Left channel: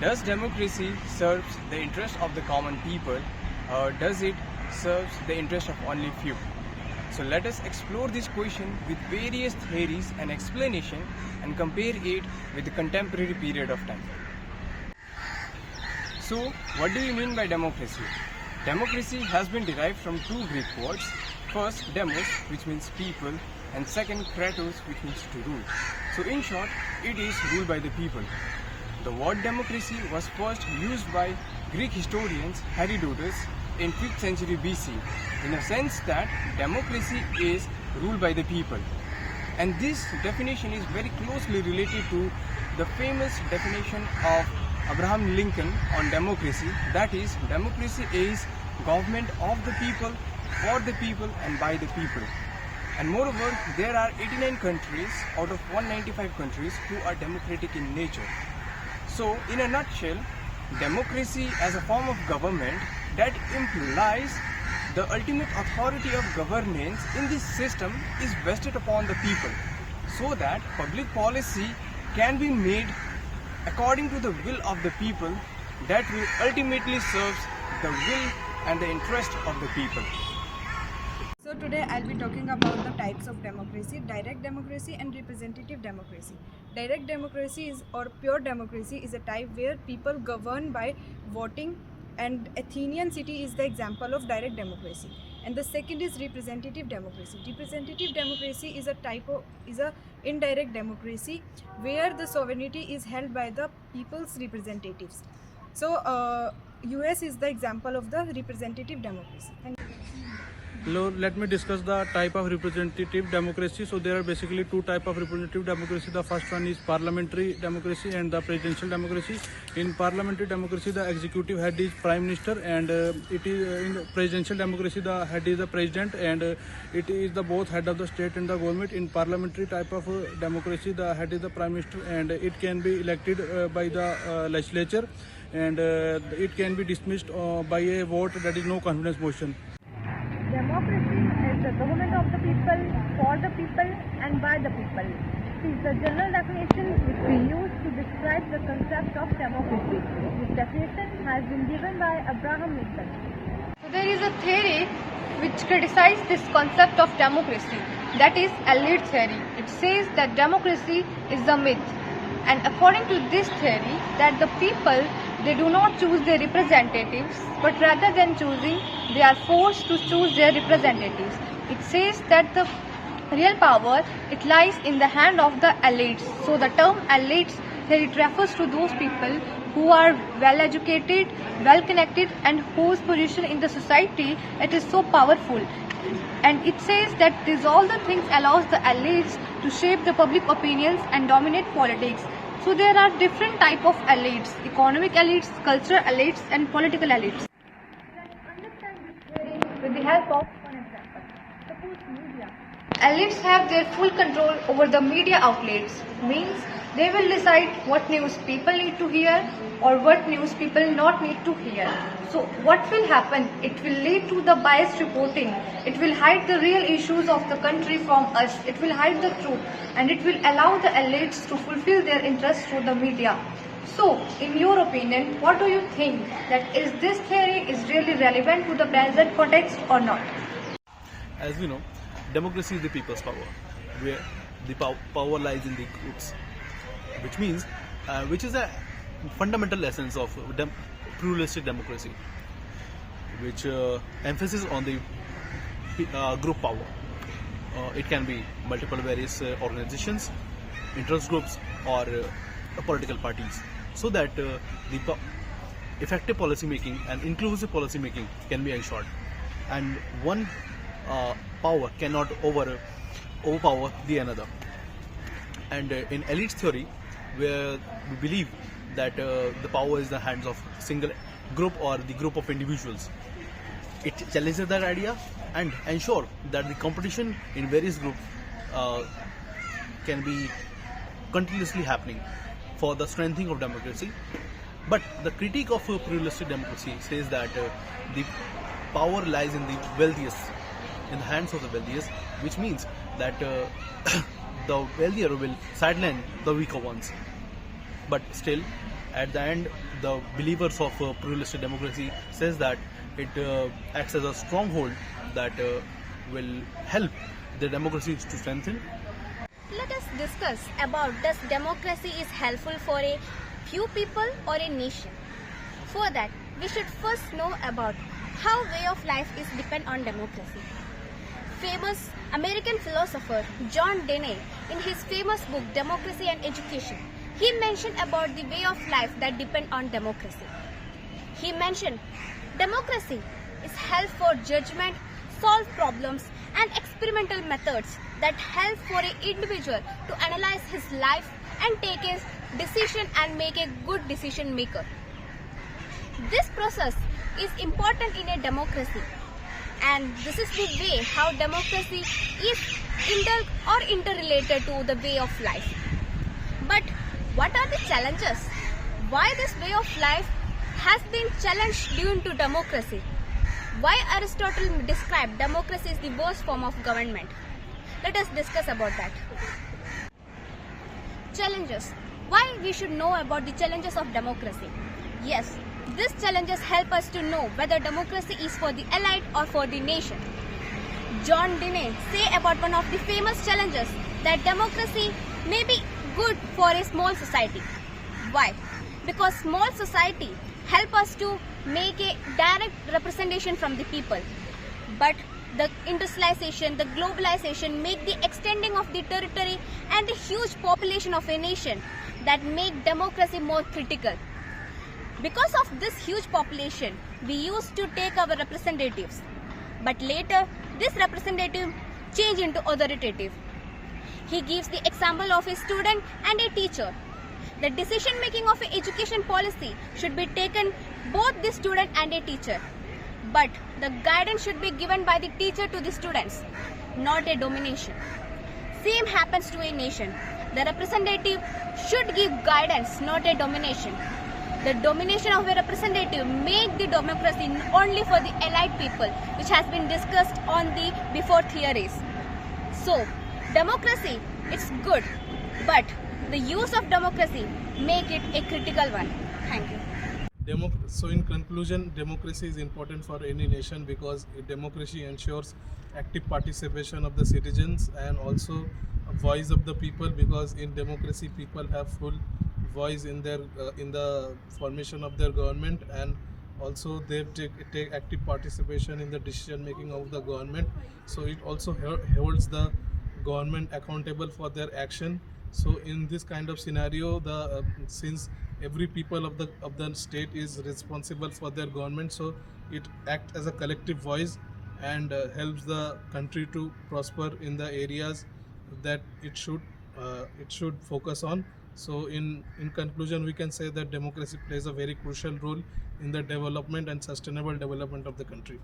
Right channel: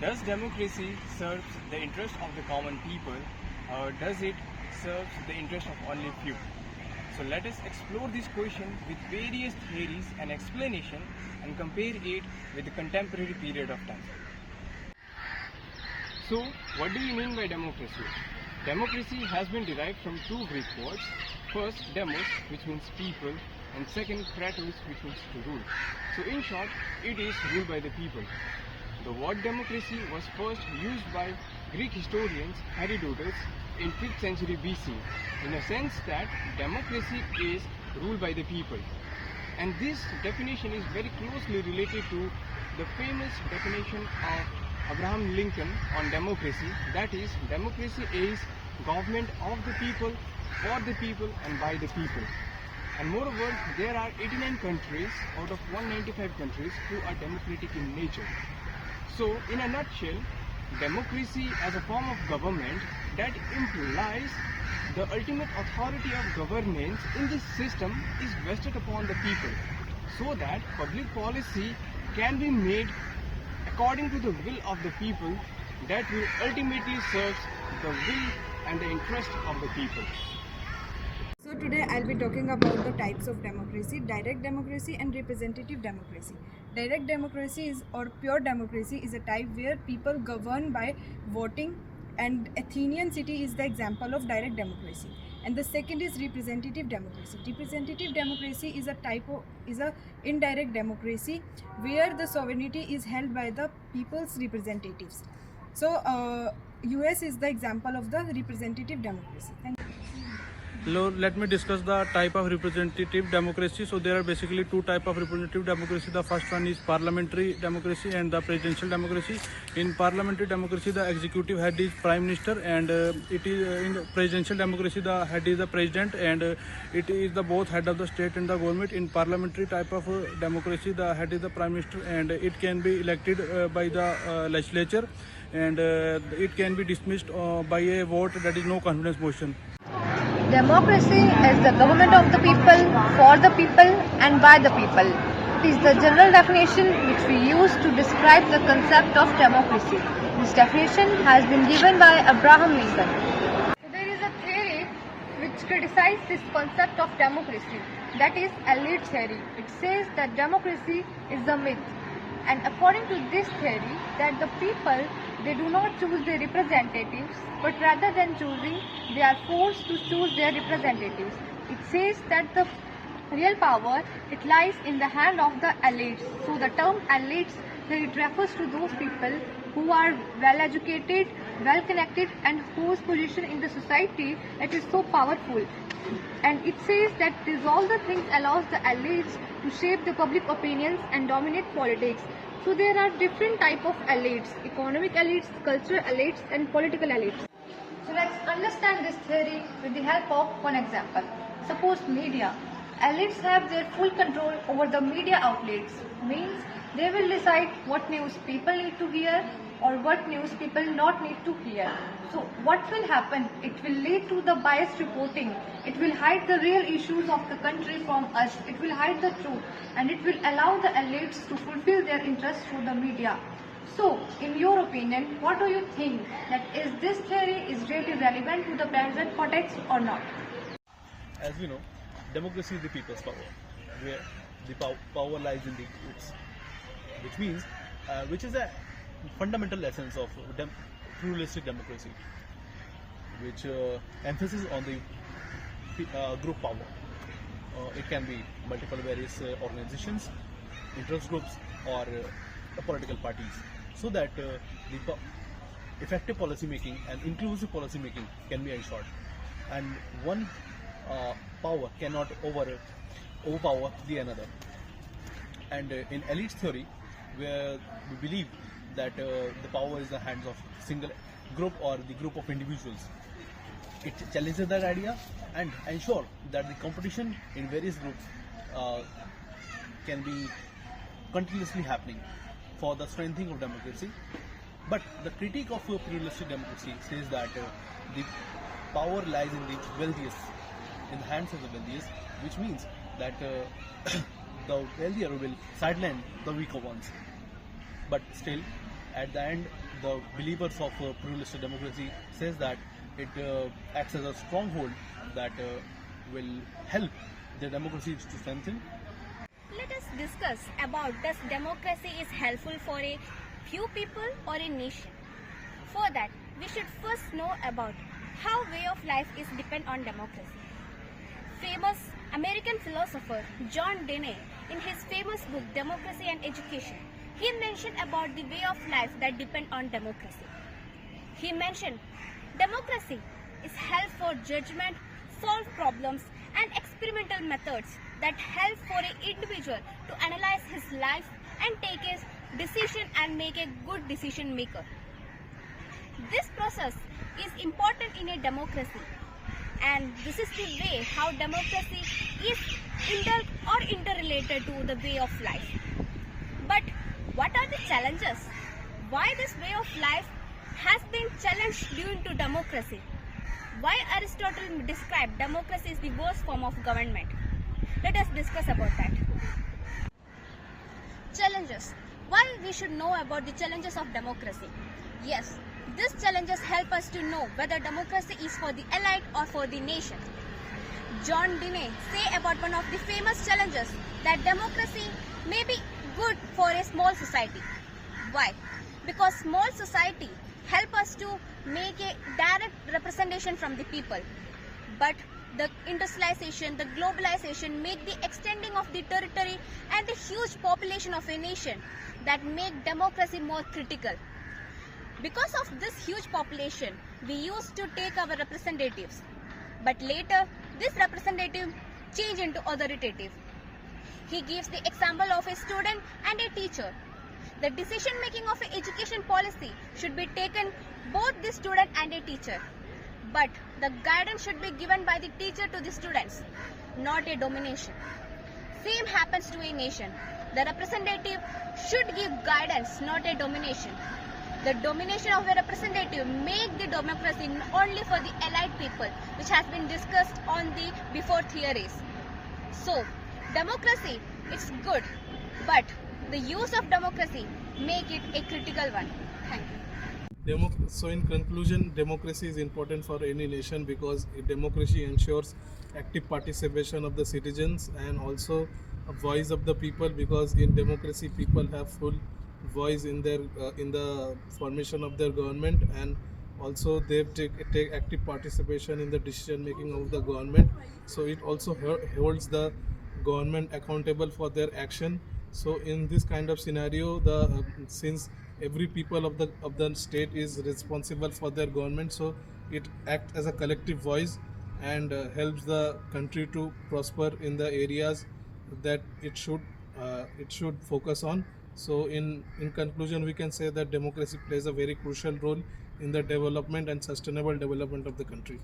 Does democracy serve the interest of the common people, or does it serve the interest of only few? So let us explore this question with various theories and explanation and compare it with the contemporary period of time. So what do you mean by democracy? Democracy has been derived from two Greek words. First, demos, which means people, and second, kratos, which means to rule. So in short, it is ruled by the people. The word democracy was first used by Greek historians Herodotus in 5th century BC, in the sense that democracy is ruled by the people. And this definition is very closely related to the famous definition of Abraham Lincoln on democracy, that is, democracy is government of the people, for the people and by the people. And moreover, there are 89 countries out of 195 countries who are democratic in nature. So, in a nutshell, democracy as a form of government that implies the ultimate authority of governance in this system is vested upon the people, so that public policy can be made according to the will of the people that will ultimately serve the will and the interest of the people. So today I'll be talking about the types of democracy, direct democracy and representative democracy. Direct democracy or pure democracy is a type where people govern by voting, and Athenian city is the example of direct democracy. And the second is representative democracy. Representative democracy is a indirect democracy where the sovereignty is held by the people's representatives. So US is the example of the representative democracy. Hello, let me discuss the type of representative democracy. So there are basically two types of representative democracy. The first one is parliamentary democracy and the presidential democracy. In parliamentary democracy, the executive head is prime minister, and it is in presidential democracy, the head is the president, and it is the both head of the state and the government. In parliamentary type of democracy, the head is the prime minister, and it can be elected by the legislature, and it can be dismissed by a vote, that is no confidence motion. Democracy is the government of the people, for the people and by the people. It is the general definition which we use to describe the concept of democracy. This definition has been given by Abraham Lincoln. So there is a theory which criticizes this concept of democracy, that is elite theory. It says that democracy is a myth, and according to this theory, that the people, they do not choose their representatives, but rather than choosing, they are forced to choose their representatives. It says that the real power, it lies in the hand of the elites. So the term elites here, it refers to those people who are well educated, well connected, and whose position in the society it is so powerful. And it says that these all the things allows the elites to shape the public opinions and dominate politics. So there are different type of elites: economic elites, cultural elites, and political elites. So let's understand this theory with the help of one example. Suppose media. Elites have their full control over the media outlets, means they will decide what news people need to hear or what news people not need to hear. So what will happen? It will lead to the biased reporting. It will hide the real issues of the country from us. It will hide the truth, and it will allow the elites to fulfill their interests through the media. So, in your opinion, what do you think? That is this theory is really relevant to the present context or not? As we know, democracy is the people's power, where the power lies in the groups, which means, which is a fundamental essence of pluralistic democracy, which emphasis on the group power. It can be multiple various organizations, interest groups, or political parties, so that the effective policy making and inclusive policy making can be ensured, and one power cannot overpower the another. And in elites theory, where we believe that the power is in the hands of single group or the group of individuals, it challenges that idea and ensure that the competition in various groups can be continuously happening for the strengthening of democracy. But the critique of pluralistic democracy says that the power lies in the wealthiest, in the hands of the wealthiest, which means that the wealthier will sideline the weaker ones. But still, at the end, the believers of pluralistic democracy says that it acts as a stronghold that will help the democracy to strengthen. Let us discuss about does democracy is helpful for a few people or a nation. For that, we should first know about how way of life is depend on democracy. Famous American philosopher John Dewey, in his famous book Democracy and Education, he mentioned about the way of life that depend on democracy. He mentioned democracy is help for judgment, solve problems and experimental methods that help for an individual to analyze his life and take a decision and make a good decision maker. This process is important in a democracy, and this is the way how democracy is interrelated to the way of life. But what are the challenges? Why this way of life has been challenged due to democracy? Why Aristotle described democracy as the worst form of government? Let us discuss about that. Challenges. Why we should know about the challenges of democracy? Yes, these challenges help us to know whether democracy is for the elite or for the nation. John Dewey say about one of the famous challenges that democracy may be good for a small society. Why? Because small society help us to make a direct representation from the people. But the industrialization, the globalization make the extending of the territory and the huge population of a nation that make democracy more critical. Because of this huge population, we used to take our representatives. But later, this representative changed into authoritative. He gives the example of a student and a teacher. The decision making of an education policy should be taken both the student and a teacher. But the guidance should be given by the teacher to the students, not a domination. Same happens to a nation. The representative should give guidance, not a domination. The domination of the representative make the democracy only for the elite people, which has been discussed on the before theories. So, democracy is good, but the use of democracy make it a critical one. Thank you. So in conclusion, democracy is important for any nation because democracy ensures active participation of the citizens and also a voice of the people, because in democracy people have full voice in their in the formation of their government, and also they take active participation in the decision making of the government. So it also holds the government accountable for their action. So in this kind of scenario, the since every people of the state is responsible for their government, so it acts as a collective voice and helps the country to prosper in the areas that it should focus on. So in conclusion, we can say that democracy plays a very crucial role in the development and sustainable development of the country.